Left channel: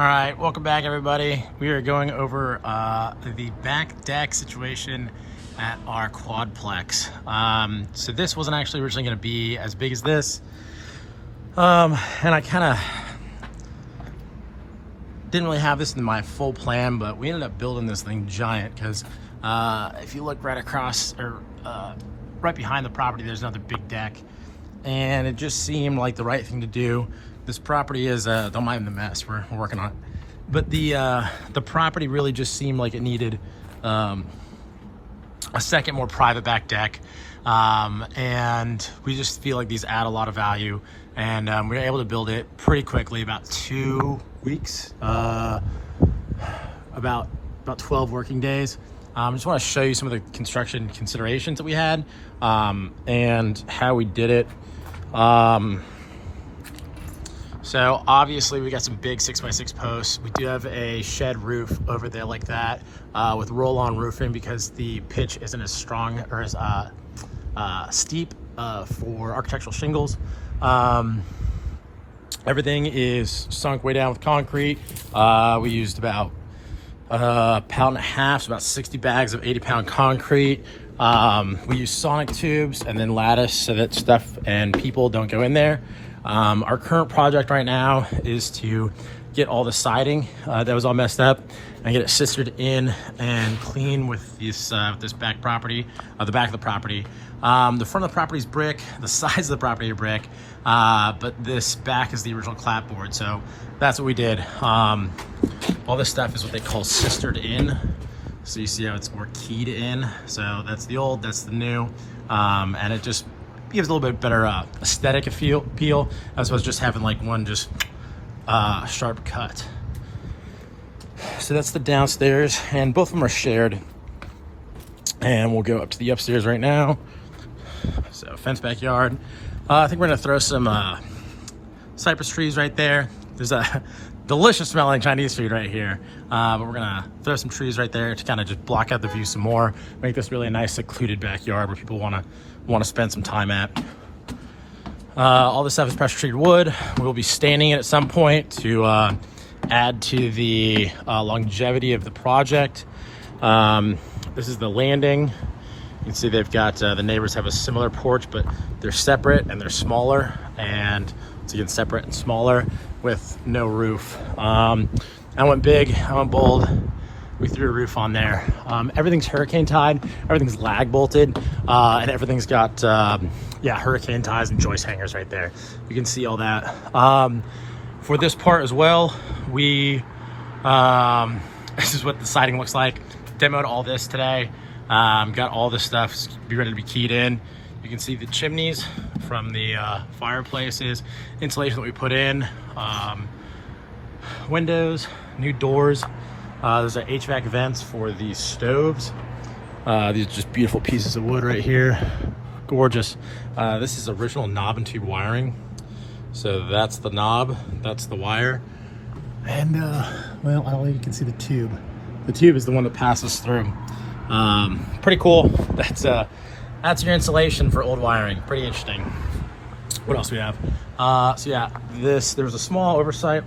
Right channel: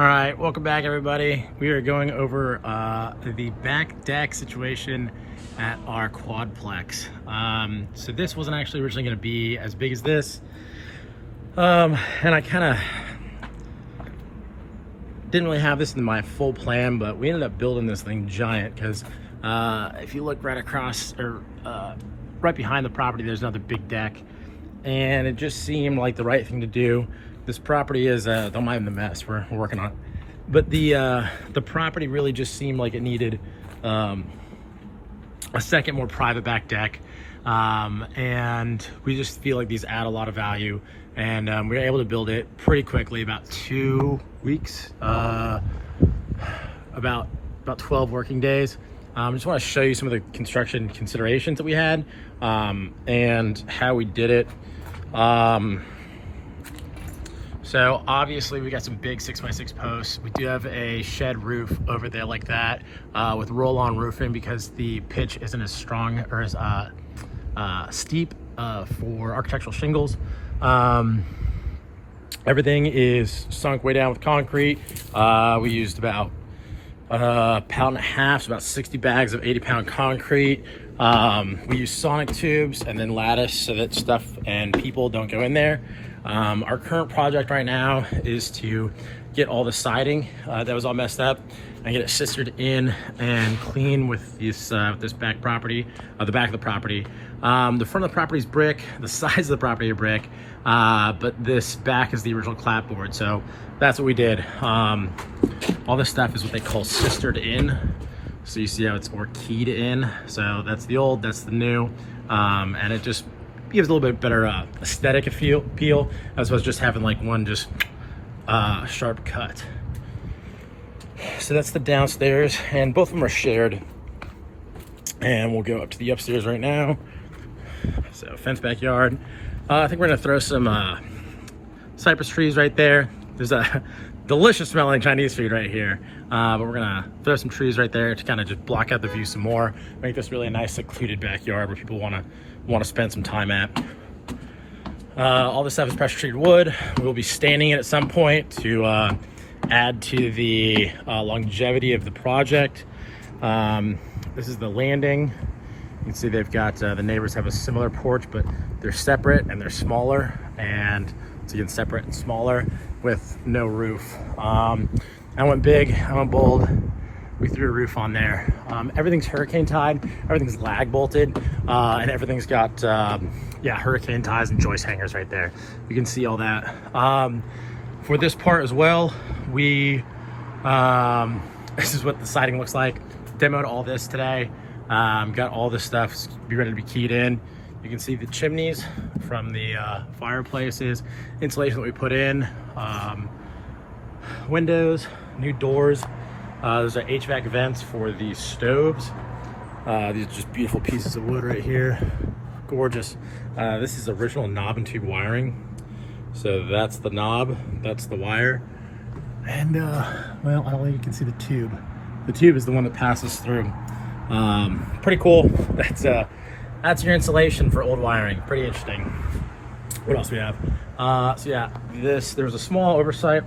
All right, welcome back everybody. We are going over the back deck situation at our quadplex. So this wasn't actually originally going to be as big as this. And I kind of didn't really have this in my full plan, but we ended up building this thing giant because if you look right across or right behind the property, there's another big deck. And it just seemed like the right thing to do. This property is, don't mind the mess, we're working on it. But the property really just seemed like it needed a second, more private back deck. And we just feel like these add a lot of value. And we were able to build it pretty quickly, about 2 weeks, about 12 working days. I just want to show you some of the construction considerations that we had and how we did it. So obviously we got some big 6x6 posts. We do have a shed roof over there like that with roll-on roofing because the pitch isn't as strong or as steep for architectural shingles. Everything is sunk way down with concrete. We used about a pound and a half, so about 60 bags of 80-pound concrete. We use sonic tubes and then lattice so that stuff and people don't go in there. Our current project right now is to get all the siding that was all messed up and get it sistered in and clean with this back property, the back of the property. The front of the property is brick, the sides of the property are brick, but this back is the original clapboard. So that's what we did. All this stuff is what they call sistered in. So you see how it's more keyed in. So that's the old, that's the new. And it just gives a little bit better aesthetic appeal as opposed to just having like one just sharp cut. So that's the downstairs, and both of them are shared. And we'll go up to the upstairs right now. So fence backyard. I think we're gonna throw some cypress trees right there. There's a delicious smelling Chinese food right here. But we're gonna throw some trees right there to kind of just block out the view some more. Make this really a nice secluded backyard where people wanna spend some time at. All this stuff is pressure treated wood. We'll be staining it at some point to add to the longevity of the project. This is the landing. You can see they've got, the neighbors have a similar porch, but they're separate and they're smaller. And so again, separate and smaller with no roof. I went big, I went bold. We threw a roof on there. Everything's hurricane tied, everything's lag bolted, and everything's got, hurricane ties and joist hangers right there. You can see all that. For this part as well, we, this is what the siding looks like. Demoed all this today. Got all this stuff be ready to be keyed in. You can see the chimneys from the fireplaces, insulation that we put in, windows, new doors. Those are HVAC vents for these stoves. These are just beautiful pieces of wood right here. Gorgeous. This is original knob and tube wiring. So that's the knob, that's the wire. And well, I don't think you can see the tube. The tube is the one that passes through. Pretty cool. That's your insulation for old wiring. Pretty interesting. What else we have? So yeah, there was a small oversight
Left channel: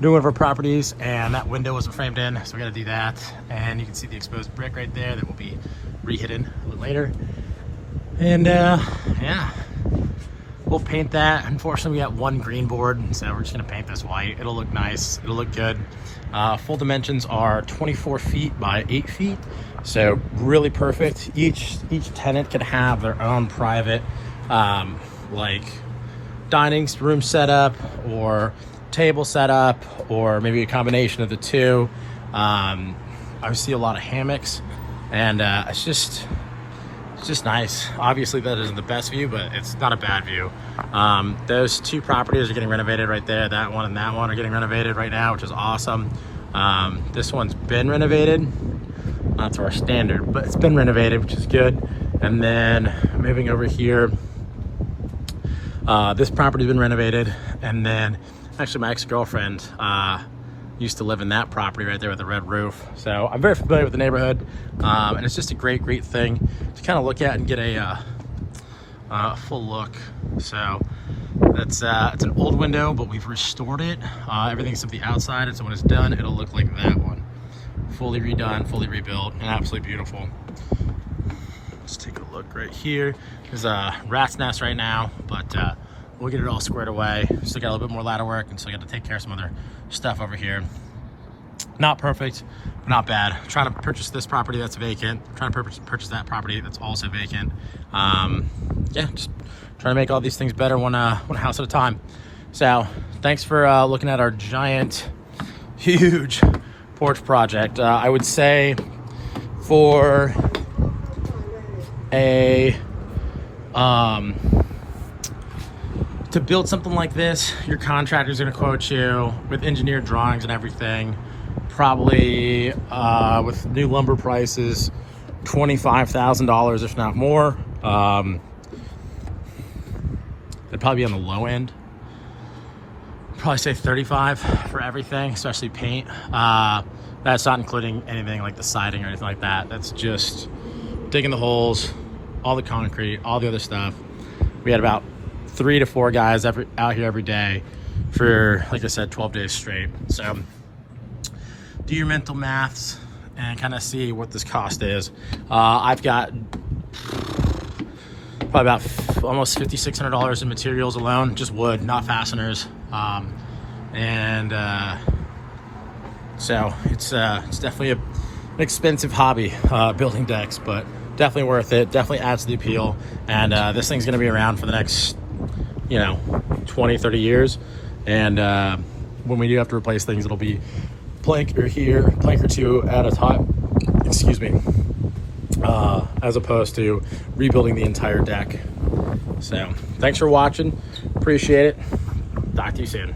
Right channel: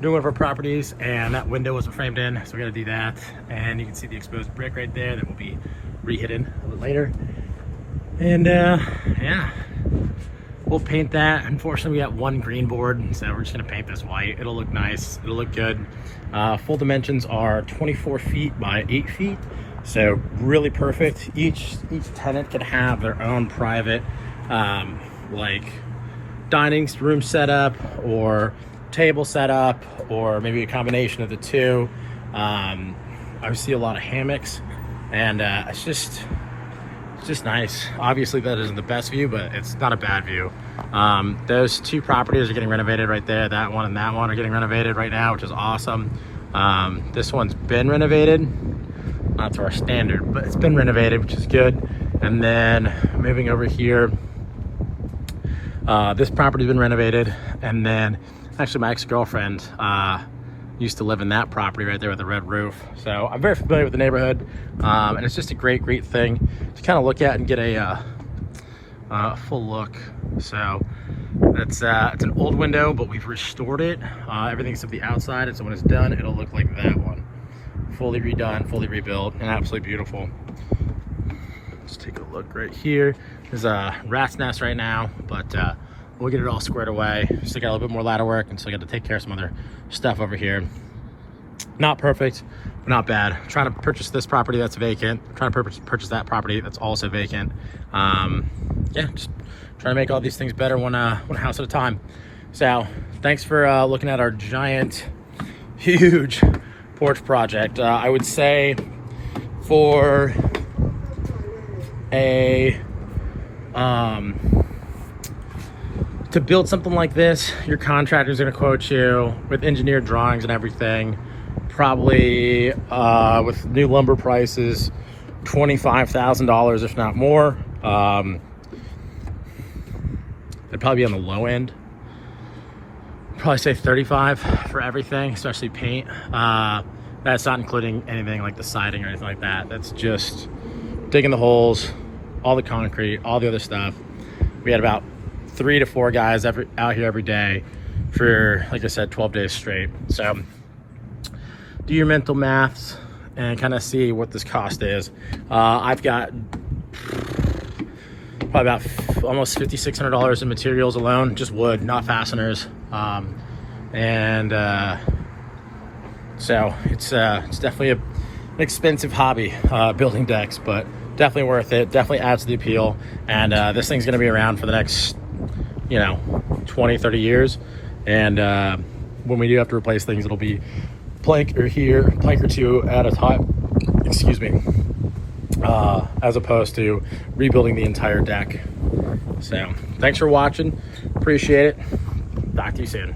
doing one of our properties, and that window wasn't framed in, so we got to do that. And you can see the exposed brick right there that will be re-hidden a little later. And yeah, we'll paint that. Unfortunately, we got one green board, so we're just gonna paint this white. It'll look nice, it'll look good. Full dimensions are 24 feet by 8 feet, so really perfect. Each tenant can have their own private like dining room setup or table setup, or maybe a combination of the two. I see a lot of hammocks, and it's just nice. Obviously that isn't the best view, but it's not a bad view. Those two properties are getting renovated right there. That one and that one are getting renovated right now, which is awesome. This one's been renovated, not to our standard, but it's been renovated, which is good. And then moving over here, this property's been renovated. And then actually my ex-girlfriend used to live in that property right there with the red roof. So I'm very familiar with the neighborhood, and it's just a great thing to kind of look at and get a full look. So It's an old window, but we've restored it. Everything except the outside, and so when it's done, it'll look like that one. Fully redone, fully rebuilt, and absolutely beautiful. Let's take a look right here. There's a rat's nest right now, but we'll get it all squared away. Still got a little bit more ladder work, and still got to take care of some other stuff over here. Not perfect, but not bad. Trying to purchase this property that's vacant. Trying to purchase that property that's also vacant. Yeah, just trying to make all these things better one house at a time. So thanks for looking at our giant, huge porch project. I would say for a to build something like this, your contractor's gonna quote you with engineered drawings and everything, probably with new lumber prices, $25,000 if not more. It'd probably be on the low end. Probably say 35 for everything, especially paint. That's not including anything like the siding or anything like that. That's just digging the holes, all the concrete, all the other stuff. We had about 3 to 4 guys out here every day for, like I said, 12 days straight. So do your mental maths and kind of see what this cost is. I've got probably about almost $5,600 in materials alone, just wood, not fasteners. So it's definitely an expensive hobby, building decks, but definitely worth it. Definitely adds to the appeal. And this thing's going to be around for the next, 20, 30 years. And when we do have to replace things, it'll be plank or two at a time, excuse me, as opposed to rebuilding the entire deck. So thanks for watching. Appreciate it. Talk to you soon.